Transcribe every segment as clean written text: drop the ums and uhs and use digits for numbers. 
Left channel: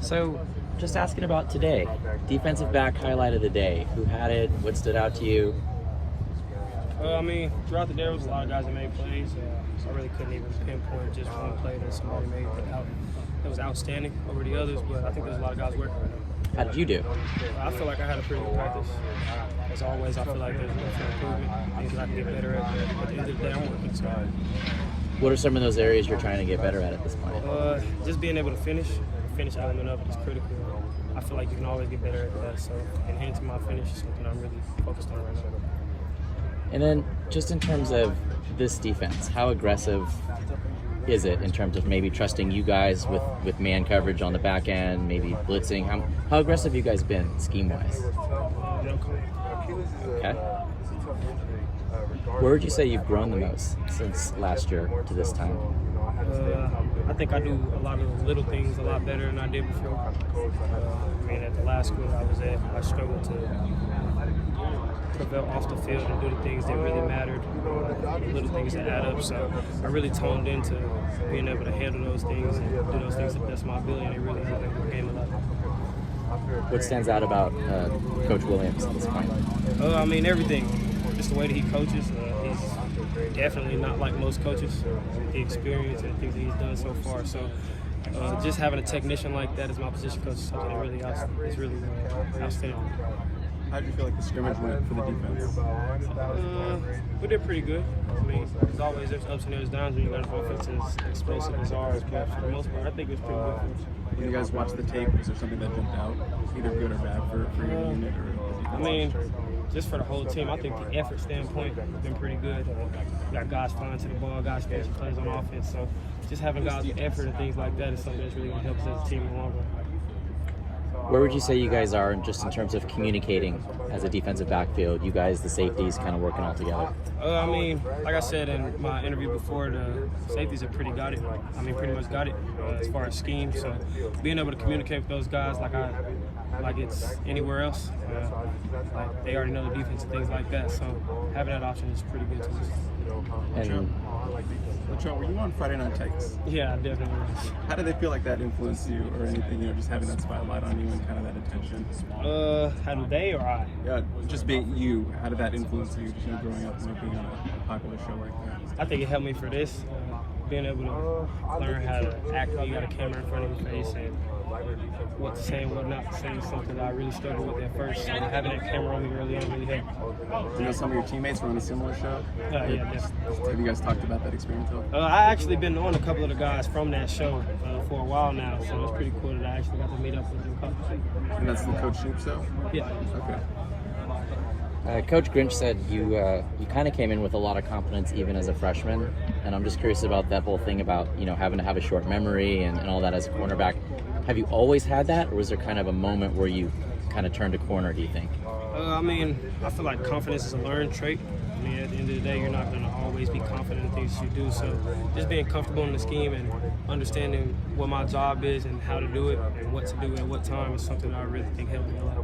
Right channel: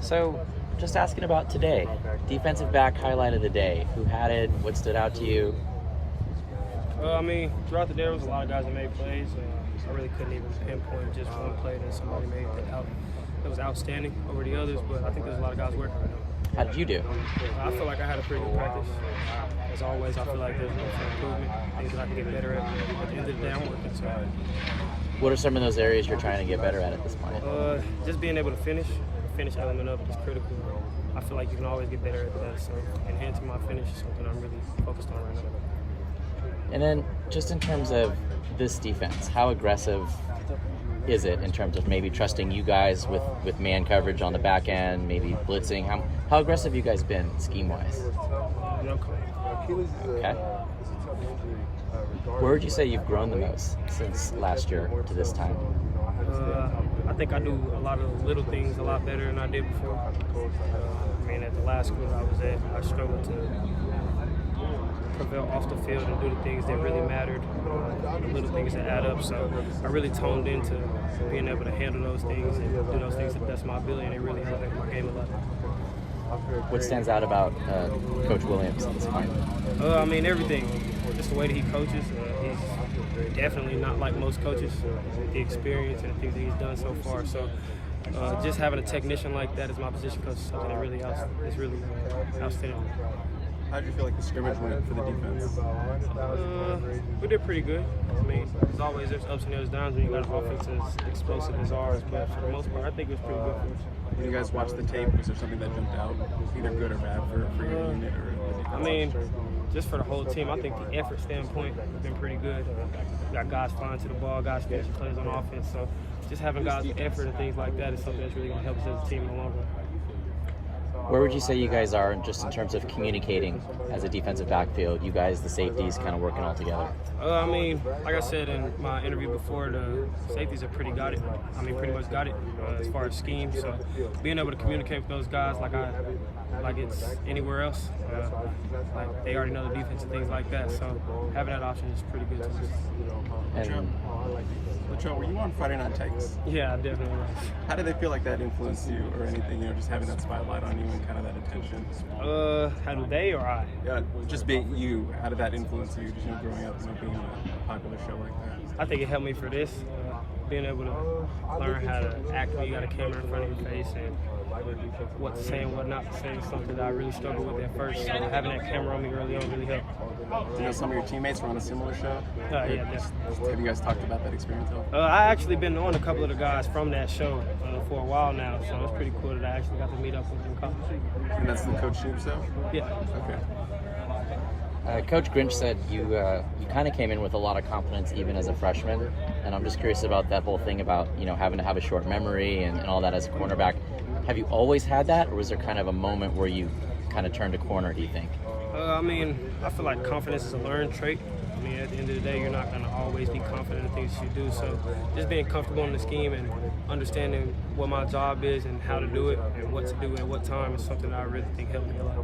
So, just asking about today. Defensive back highlight of the day. Who had it? What stood out to you? Throughout the day, there was a lot of guys that made plays. I really couldn't even pinpoint just one play that somebody made that was outstanding over the others, but I think there's a lot of guys working right now. How did you do? I feel like I had a pretty good practice. As always, I feel like there's room for improvement, things that I can get better at. But at the end of the day, I'm working. So, What are some of those areas you're trying to get better at this point? just being able to finish. The finish element of it is critical. I feel like you can always get better at that. So, enhancing my finish is something I'm really focused on right now. And then, just in terms of this defense, how aggressive is it in terms of maybe trusting you guys with man coverage on the back end, maybe blitzing? How aggressive have you guys been scheme-wise? No comment. Okay. Where would you say you've grown the most since last year to this time? I think I do a lot of the little things a lot better than I did before. At the last school that I was at, I struggled to prevail off the field and do the things that really mattered, the little things that add up. So I really toned into being able to handle those things and do those things to the best of my ability, and it really elevated my game a lot. What stands out about Coach Williams at this point? Everything. Just the way that he coaches. He's definitely not like most coaches. The experience and the things that he's done so far. So just having a technician like that as my position coach is something that really is really outstanding. How did you feel like the scrimmage went for the defense? We did pretty good. As always, there's ups and there's downs when you got an offense as explosive as ours, but for the most part, I think it was pretty good for us. When you guys watched the tape, was there something that jumped out, either good or bad for your unit or the defense? Just for the whole team, I think the effort standpoint has been pretty good. We got guys flying to the ball, guys finishing plays on offense, so just having guys with effort and things like that is something that's really going to help us as a team in the long run. Where would you say you guys are just in terms of communicating as a defensive backfield? You guys, the safeties, kind of working all together? Like I said in my interview before, the safeties have pretty much got it as far as scheme. So being able to communicate with those guys like it's anywhere else, like they already know the defense and things like that. So having that option is pretty good to us. Latrell, were you on Friday Night Takes? Yeah, I definitely was. How did they feel like that influenced you or anything, just having that spotlight on you and kind of that attention? How do they or I? Yeah, just being you, how did that influence you, just growing up and being on a popular show like that? I think it helped me for this, being able to learn how to act when you got a camera in front of your face and what to say and what not to say is something that I really struggled with at first. So having that camera on me early on really helped. Some of your teammates were on a similar show? Yeah, definitely. Have you guys talked about that experience at all? I actually been on a couple of the guys from that show for a while now, so it's pretty cool that I actually got to meet up with them in college. And that's the Coach Snoop show? Yeah. Okay. Coach Grinch said you kind of came in with a lot of confidence even as a freshman, and I'm just curious about that whole thing about having to have a short memory and all that as a cornerback. Have you always had that, or was there kind of a moment where you kind of turned a corner, do you think? I feel like confidence is a learned trait. At the end of the day, you're not going to always be confident in things you do. So just being comfortable in the scheme and understanding what my job is and how to do it and what to do at what time is something that I really think helped me a lot.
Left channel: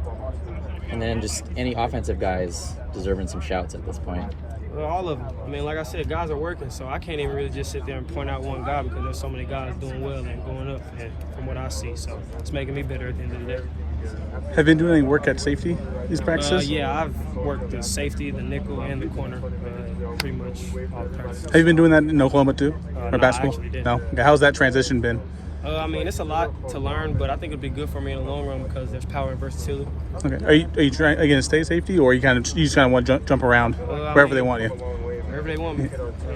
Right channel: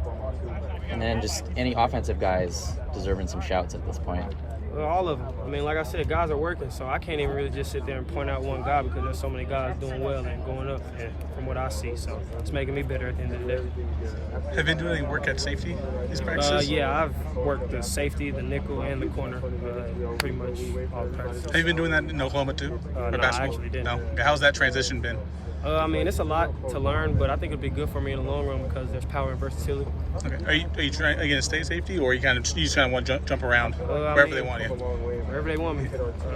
And then just any offensive guys deserving some shouts at this point? All of them. Like I said, guys are working, so I can't even really just sit there and point out one guy because there's so many guys doing well and going up and from what I see. So it's making me better at the end of the day. Have you been doing any work at safety these practices? Yeah, I've worked the safety, the nickel, and the corner pretty much all the practices. Have you been doing that in Oklahoma too? No, basketball? I actually didn't. No? Okay, how's that transition been? It's a lot to learn, but I think it'll be good for me in the long run because there's power and versatility. Okay. Are you trying again to stay safety, or you just kind of want to jump around wherever they want you? Wherever they want me.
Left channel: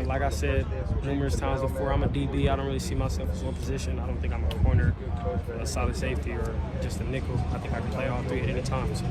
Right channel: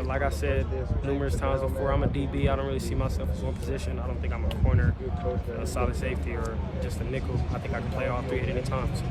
Like I said numerous times before, I'm a DB. I don't really see myself as one position. I don't think I'm a corner, a solid safety, or just a nickel. I think I can play all three at any time. So.